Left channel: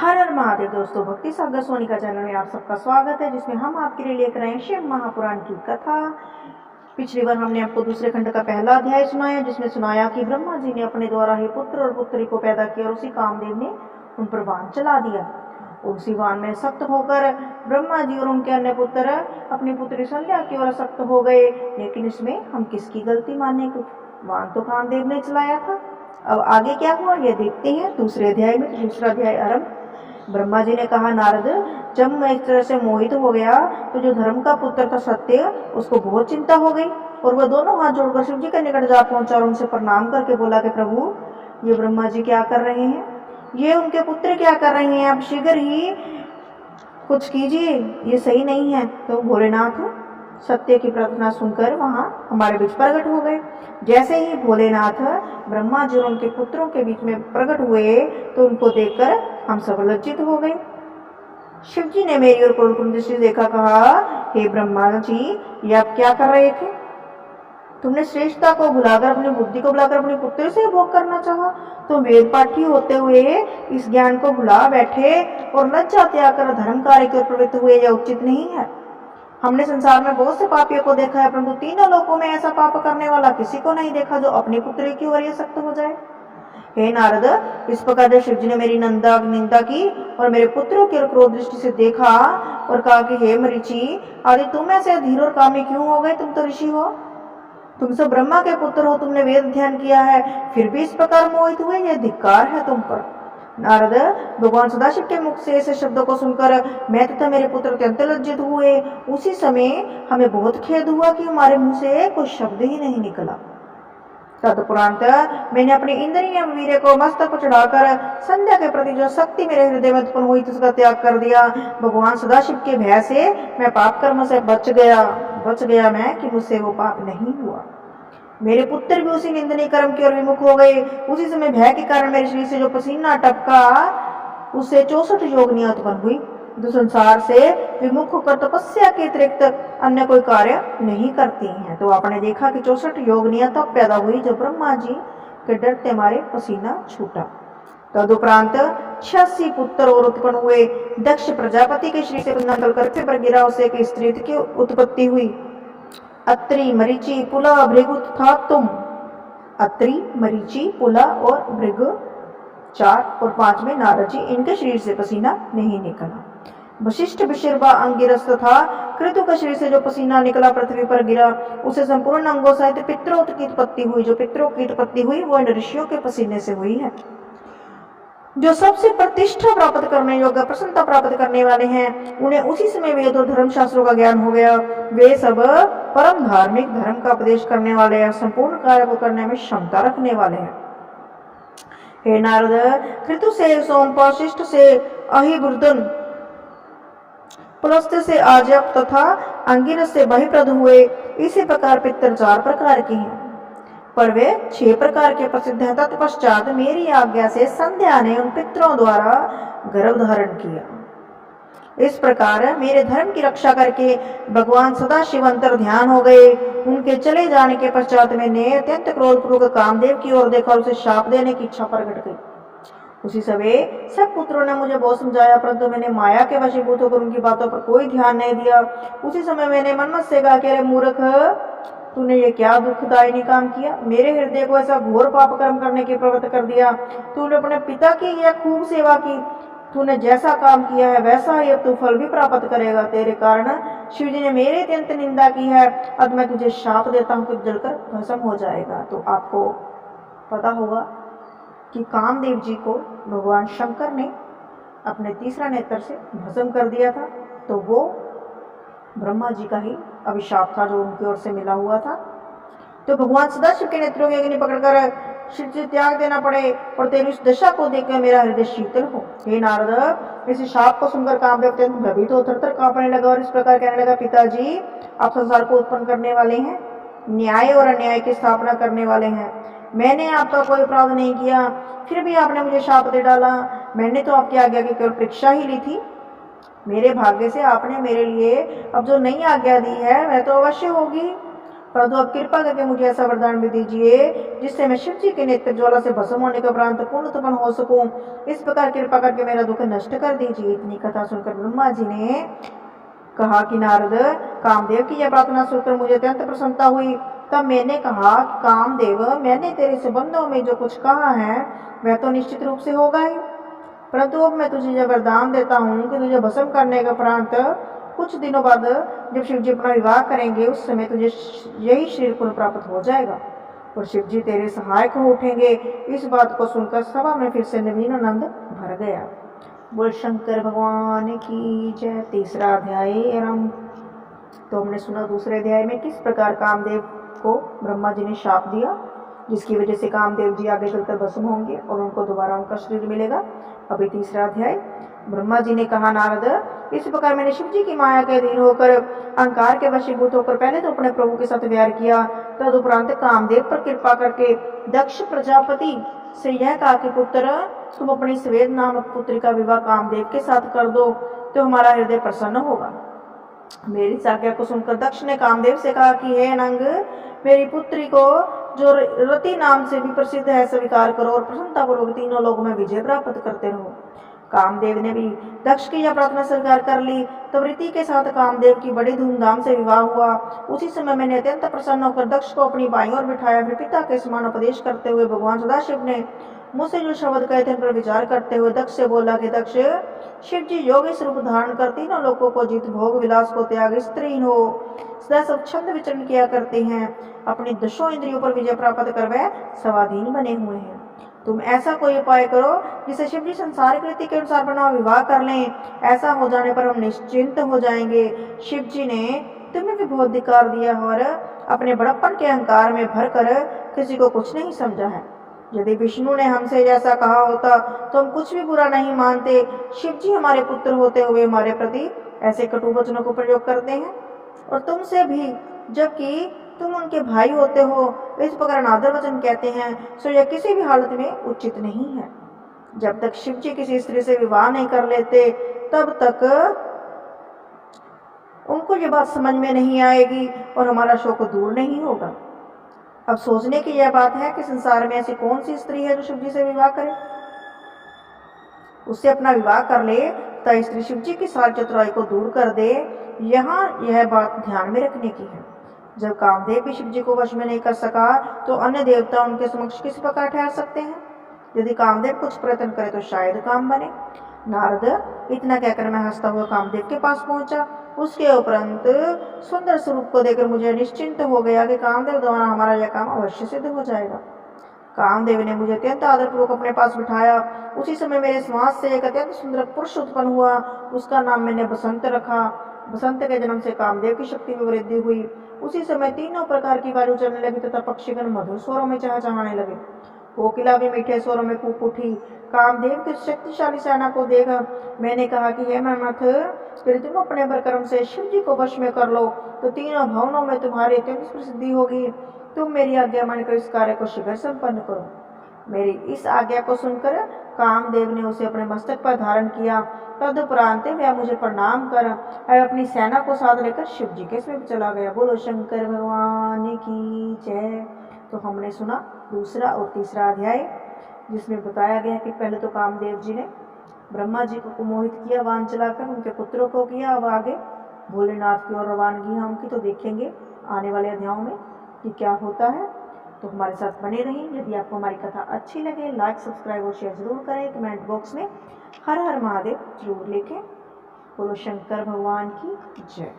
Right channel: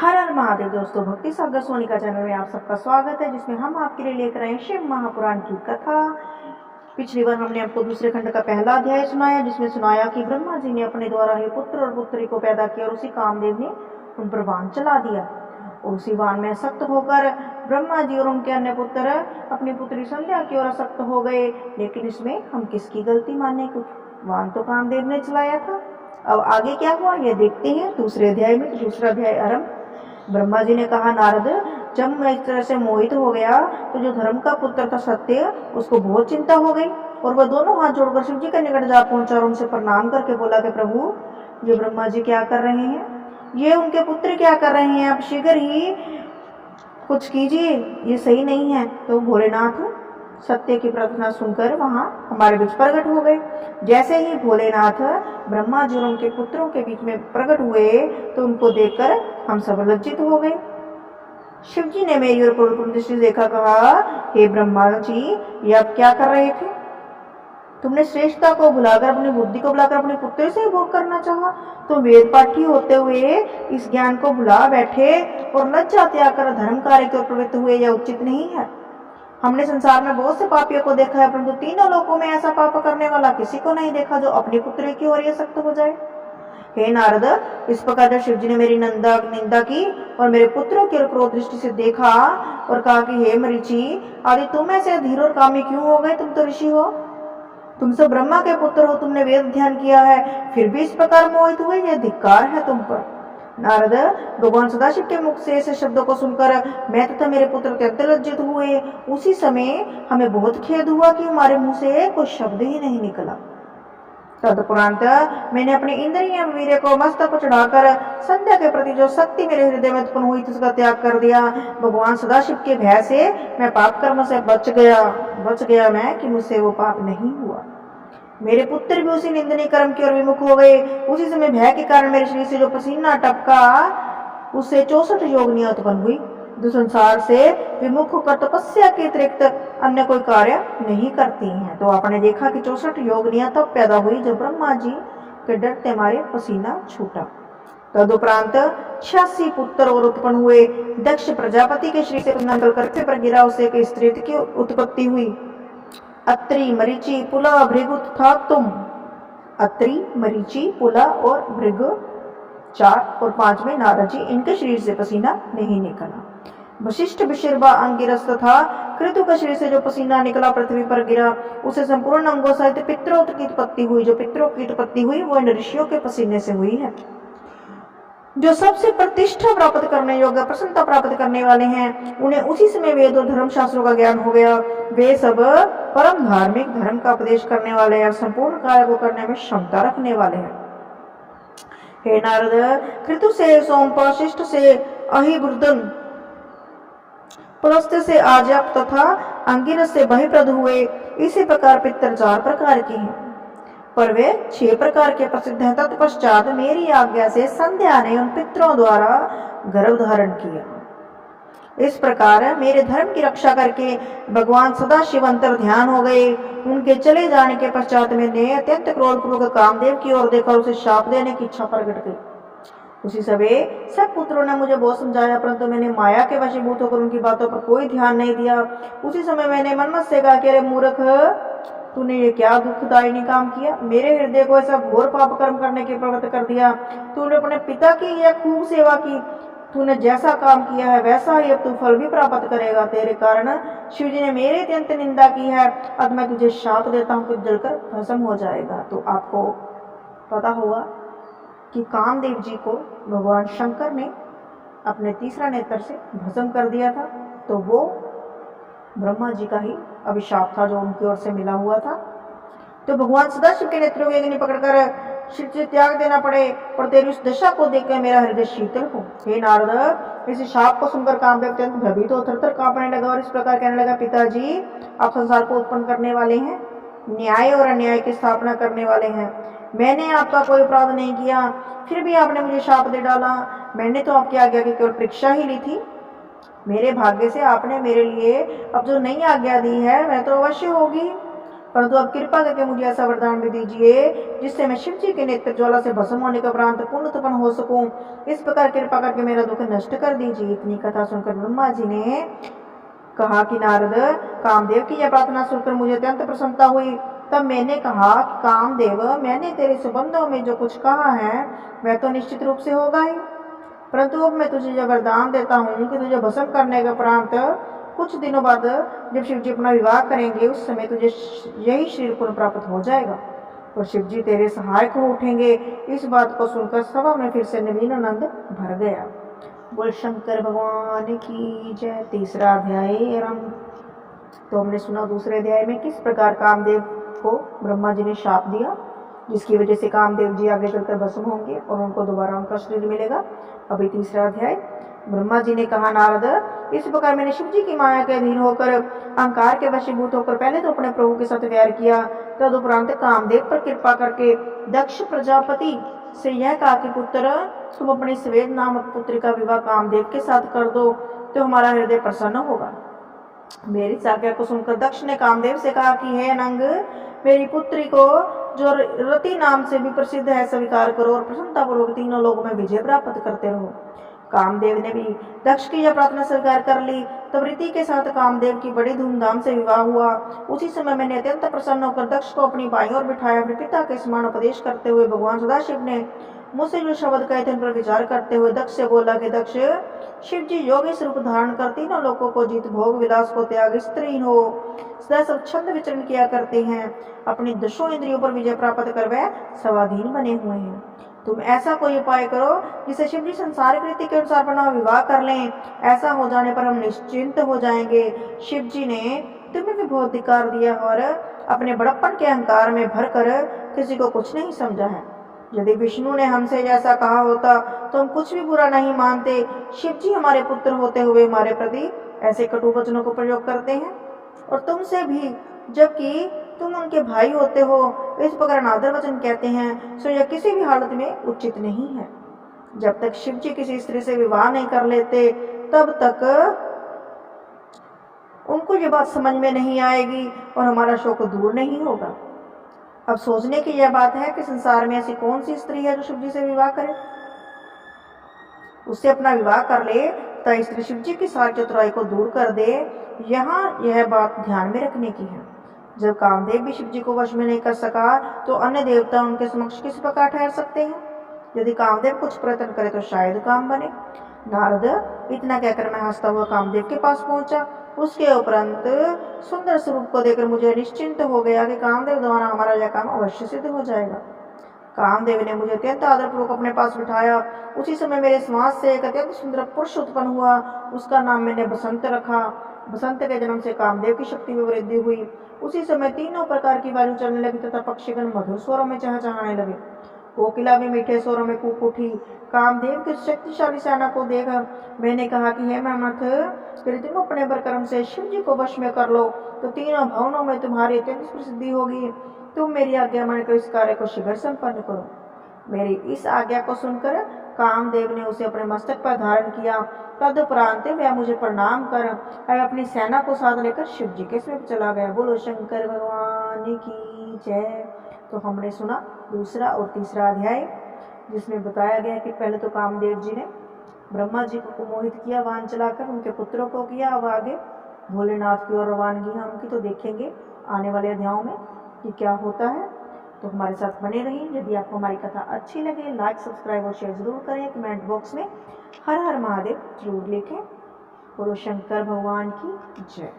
हर हर महादेव दोस्तों, भक्ति सागर सोनिका चैनल में आप सबका स्वागत है, जिसमें हम आपके लिए लेकर आए शिव महापुराण की कथा। पिछली बार हमने आपको दूसरे खंड का पहला अध्याय सुनाया, जिसमें सुनाया कि ब्रह्मा जी ने अपने द्वारा ही पुत्र और पुत्री को पैदा किया और उसी कामदेव ने उन पर वाहन चला दिया। और उसी वाहन में सख्त होकर ब्रह्मा जी और उनके अन्य पुत्र अपनी पुत्री संध्या की ओर आसक्त हो गए। लेकिन इसमें हम किसकी गलती मानने को? वाहन तो कामदेव ने चलाया था। अब आगे क्या हुआ ये देखते हैं दूसरे अध्याय में। तो दूसरा अध्याय आरंभ। ब्रह्मा जी ने कहा, नारद, जब मैं इस तरह से मोहित हो गया तो जो धर्म का पुत्र था सत्य, उसको बहुत चिंता हो गई और वह दोनों हाथ जोड़कर शिव जी के निकट जा पहुंचा और उनसे प्रणाम करके बोला कि प्रभु, ये ब्रह्मा जी क्या कर रहे हैं? ये उनके पुत्र क्या कर रहे हैं? आप शीघ्र ही कुछ कीजिए, ये सही नहीं है। तो भोलेनाथ सत्य की प्रार्थना सुनकर वहां हमारे बीच प्रकट हो गए। जैसे ही भोलेनाथ ब्रह्मा जी और उनके पुत्रों के बीच में प्रकट हुए तो उनको देखकर हम सब लज्जित हो गए। शिव जी ने मेरी ओर क्रोधपूर्ण दृष्टि से देखा, कहा, हे ब्रह्मा जी, ये आप क्या कर रहे थे? तुमने श्रेष्ठता को भुलाकर, अपनी बुद्धि को भुलाकर अपने पुत्र से भोग करना चाहा। तुम वेद पाठी होते हुए इस ज्ञान को भुला बैठे और लज्जा त्याग कर धर्म कार्य की ओर प्रवृत्त हुए। यह उचित नहीं है। हमने संसार में बहुत से पापियों को देखा है, परंतु तीनों लोकों में ऐसा पाप करने वाला किसी को नहीं देखा जो अपनी पुत्री की ओर सख्त हो जाए। हे नारद, इस प्रकार जब शिव जी ने मेरी निंदा की और मेरे पुत्रों की ओर क्रोध दृष्टि से देखा और कहा कि हे मरीचि आदि, तुम ऐसे धीर और कामी क्यों हो गए? तुम तो ऋषि हो, तुम सब ब्रह्मा के पुत्र हो, तुमने वेद ध्यान किया है, फिर भी इस प्रकार मोहित हुए। यह धिक्कार है तुम पर। नारद, भगवान सदाशिव के मुख से ऐसे शब्दों को सुनकर मैं तथा मेरे पुत्र अत्यंत लज्जित हुए। उसी समय हमें बहुत खेद हुआ कि हमारे मुंह से कोई शब्द ही नहीं निकला। तदुपरांत मैंने अपनी इंद्रिय वीर्य को मस्तक पर चढ़ाकर संध्या के प्रति जो शक्ति मेरे हृदय में उत्पन्न हुई थी उसका त्याग कर दिया। भगवान सदाशिव के भय से मैं पाप कर्म से बच गया मैं कि मुझसे वो पाप नहीं हुआ। मेरे पुत्र भी उसी निंदनीय कर्म की ओर विमुख हो गए। उसी समय भय के कारण मेरे शरीर से जो पसीना टपका उससे 64 योगिनियां उत्पन्न हुई, जो संसार से विमुख होकर तपस्या के अतिरिक्त अन्य कोई कार्य नहीं करती हैं। तो आपने देखा कि 64 योगिनियां तब पैदा हुई जब ब्रह्मा जी के डरते मारे पसीना छूटा। तदुपरांत 86 पुत्र और उत्पन्न हुए। दक्ष प्रजापति के शरीर से निकल कर पृथ्वी पर गिरा, उससे एक स्त्री की उत्पत्ति हुई। अत्रि, मरीचि, पुला, भृगु तथा तुम। अत्रि, मरीचि, पुला और भृगु 4 और 5 में नारद जी, इनके शरीर से पसीना नहीं निकला। वशिष्ठ, विशर्वा, अंगिरस तथा कृतु के शरीर से जो पसीना निकला पृथ्वी पर गिरा, उसे संपूर्ण अंगों सहित पितरों की उत्पत्ति हुई। जो पितरों की उत्पत्ति हुई वो इन ऋषियों के पसीने से हुई है, जो सबसे प्रतिष्ठा प्राप्त करने योग्य, प्रसन्नता प्राप्त करने वाले हैं। उन्हें उसी समय वेद और धर्म शास्त्रों का ज्ञान हो गया। वे सब परम धार्मिक, धर्म का उपदेश करने वाले हैं, संपूर्ण कार्य को करने में क्षमता रखने वाले हैं। हे नारद, कृतु से सोमपाल, शिष्ट से अहिबुर्दन, पुलस्त्य से आजप तथा अंगिरस से बहिप्रद हुए। इसी प्रकार पितर 4 प्रकार के हैं, पर वे 6 प्रकार के प्रसिद्ध हैं। तत्पश्चात मेरी आज्ञा से संध्या ने उन पितरों द्वारा गर्भ धारण किया। इस प्रकार मेरे धर्म की रक्षा करके भगवान सदाशिव अंतर ध्यान हो गए। उनके चले जाने के पश्चात मैंने अत्यंत क्रोधपूर्वक कामदेव की ओर देखा और उसे शाप देने की इच्छा प्रकट गई। उसी समय सब पुत्रों ने मुझे बहुत समझाया, परंतु मैंने माया के वशीभूत होकर उनकी बातों पर कोई ध्यान नहीं दिया। उसी समय मैंने मनमत से कहा कि अरे मूर्ख, तूने ये क्या दुखदायी काम किया? मेरे हृदय को ऐसा घोर पाप कर्म करने की प्रवृत्त कर दिया। तूने अपने पिता की यह खूब सेवा की। तूने जैसा काम किया है वैसा ही अब तू फल भी प्राप्त करेगा। तेरे कारण शिव जी ने मेरी अत्यंत निंदा की है। अब मैं तुझे शाप देता हूँ कि जलकर भस्म हो जाएगा। तो आपको पता होगा कि कामदेव जी को भगवान शंकर ने अपने तीसरा नेत्र से भस्म कर दिया था। तो वो ब्रह्मा जी का ही अभिशाप था जो उनकी ओर से मिला हुआ था। तो भगवान सदाशिव के नेत्रों की अग्नि पकड़कर शिव से त्याग देना पड़े, और तेरी उस दशा को देखकर मेरा हृदय शीतल हो। हे नारद, इस शाप को सुनकर कामदेव अत्यंत भयभीत हो थरथर कांपने लगा और इस प्रकार कहने लगा, पिताजी, आप संसार को उत्पन्न करने वाले हैं, न्याय और अन्याय की स्थापना करने वाले हैं। मैंने आपका कोई अपराध नहीं किया, फिर भी आपने मुझे शाप दे डाला। मैंने तो आपकी आज्ञा की केवल परीक्षा ही ली थी। मेरे भाग्य से आपने मेरे लिए अब जो नई आज्ञा दी है वह तो अवश्य होगी। परंतु अब कृपा करके मुझे ऐसा वरदान भी दीजिए जिससे मैं शिव जी के नेत्र ज्वाला से भस्म होने के उपरांत पूर्ण उत्पन्न हो सकूं। इस प्रकार कृपा करके मेरा दुख नष्ट कर दीजिए। इतनी कथा सुनकर ब्रह्मा जी ने कहा कि नारद, कामदेव की यह प्रार्थना सुनकर मुझे अत्यंत प्रसन्नता हुई। तब मैंने कहा कि कामदेव, मैंने तेरे संबंधों में जो कुछ कहा है वह तो निश्चित रूप से होगा ही, परंतु अब मैं तुझे यह वरदान देता हूँ कि तुझे भस्म करने के उपरांत कुछ दिनों बाद जब शिव जी अपना विवाह करेंगे उस समय तुझे यही शरीर पुनः प्राप्त हो जाएगा और शिव जी तेरे सहायक हो उठेंगे। इस बात को सुनकर सभा में फिर से नवीन आनंद भर गया। बोल शंकर भगवान की जय। तीसरा अध्याय आरंभ। तो हमने सुना दूसरे अध्याय में किस प्रकार कामदेव को ब्रह्मा जी ने शाप दिया, जिसकी वजह से कामदेव जी आगे चलकर भस्म होंगे और उनको दोबारा उनका शरीर मिलेगा। अभी तीसरा अध्याय। ब्रह्मा जी ने कहा, नारद, इस प्रकार मैंने शिव जी की माया के अधीन होकर अहंकार के वशीभूत होकर पहले तो अपने प्रभु के साथ व्यार किया, तदुपरांत कामदेव पर कृपा करके दक्ष प्रजापति से यह कहा कि पुत्र, तुम अपनी स्वेद नामक पुत्री का विवाह कामदेव के साथ कर दो तो हमारा हृदय प्रसन्न होगा। मेरी इस आज्ञा को सुनकर दक्ष ने कामदेव से कहा कि हे अनंग, मेरी पुत्री को जो रति नाम से भी प्रसिद्ध है स्वीकार करो और प्रसन्नतापूर्वक तीनों लोगों में विजय प्राप्त करते रहो। कामदेव ने भी दक्ष की यह प्रार्थना स्वीकार कर ली। तब रीति के साथ कामदेव की बड़ी धूमधाम से विवाह हुआ। उसी समय मैंने अत्यंत प्रसन्न होकर दक्ष को अपनी बाईं ओर बिठाया। फिर पिता के समान उपदेश करते हुए भगवान सदाशिव ने मुझसे जो शब्द कहे थे उन पर विचार करते हुए दक्ष से बोला कि दक्ष, शिव जी योगी स्वरूप धारण कर तीनों लोगों को जीत, भोग विलास को त्याग, स्त्रीहीन हो सदा सब छंद विचरण किया करते हैं, अपनी दशों इंद्रियों पर विजय प्राप्त कर वह स्वाधीन बने हुए हैं। तुम ऐसा कोई उपाय करो जिसे शिव जी संसारिक रीति के अनुसार बना विवाह कर लें। ऐसा हो जाने पर हम निश्चिंत हो जाएंगे। शिव जी ने तुम्हें भी बहुत धिक्कार दिया और अपने बड़प्पन के अहंकार में भरकर किसी को कुछ नहीं समझा है। यदि विष्णु ने हमसे जैसा कहा होता तो हम कुछ भी बुरा नहीं मानते। शिव जी हमारे पुत्र होते हुए हमारे प्रति ऐसे कटु वचनों को प्रयोग करते हैं और तुमसे भी, जबकि तुम उनके भाई होते हो, इस प्रकार अनादर वचन कहते हैं, सो यह किसी भी हालत में उचित नहीं है। जब तक शिव जी किसी स्त्री से विवाह नहीं कर लेते तब तक उनको ये बात समझ में नहीं आएगी और हमारा शोक दूर नहीं होगा। अब सोचने की यह बात है कि संसार में ऐसी कौन सी स्त्री है जो शिव जी से विवाह करे, उससे अपना विवाह कर ले तो स्त्री शिव जी की सारी चतुराई को दूर कर दे। यहाँ यह बात ध्यान में रखने की है। जब कामदेव भी शिव जी को वश में नहीं कर सका तो अन्य देवता उनके समक्ष किस प्रकार ठहर सकते हैं। यदि कामदेव कुछ प्रयत्न करे तो शायद काम बने। नारद, इतना कहकर मैं हंसता हुआ कामदेव के पास पहुंचा। उसके उपरांत सुंदर स्वरूप को देखकर मुझे निश्चिंत हो गया कि कामदेव द्वारा हमारा यह काम अवश्य सिद्ध हो जाएगा। कामदेव ने मुझे अत्यंत आदरपूर्वक अपने पास बिठाया। उसी समय मेरे श्वास से एक अत्यंत सुंदर पुरुष उत्पन्न हुआ। उसका नाम मैंने बसंत रखा। बसंत के जन्म से कामदेव की शक्ति में वृद्धि हुई। उसी समय तीनों प्रकार की वायु चलने लगी तथा पक्षीगण मधुर स्वरों में चहचहाने लगे। कोकिला भी मीठे स्वरों में कूक उठी। कामदेव की शक्तिशाली सेना को देख मैंने कहा कि हे मनमथ, यदि तुम अपने प्रकर्म से शिव जी को वश में कर लो तो तीनों भवनों में तुम्हारी अत्यंत प्रसिद्धि होगी। तुम मेरी आज्ञा मानकर इस कार्य को शीघ्र संपन्न करो। मेरी इस आज्ञा को सुनकर कामदेव ने उसे अपने मस्तक पर धारण किया। तदुपरांत वह मुझे प्रणाम कर अपनी सेना को साथ लेकर शिव जी के समीप चला गया। बोलो शंकर भगवान की जय। तो हमने सुना दूसरा और तीसरा अध्याय, जिसमें बताया गया कि पहले तो कामदेव जी ने ब्रह्मा जी को मोहित किया, वान चलाकर उनके पुत्रों को किया। अब आगे भोलेनाथ की ओर रवानगी है उनकी, तो देखेंगे आने वाले अध्यायों में कि क्या होता है। तो हमारे साथ बने रहें। यदि आपको हमारी कथा अच्छी लगे, लाइक, सब्सक्राइब और शेयर जरूर करें। कमेंट बॉक्स में हर हर महादेव जरूर लिखें। बोलो शंकर भगवान की जय।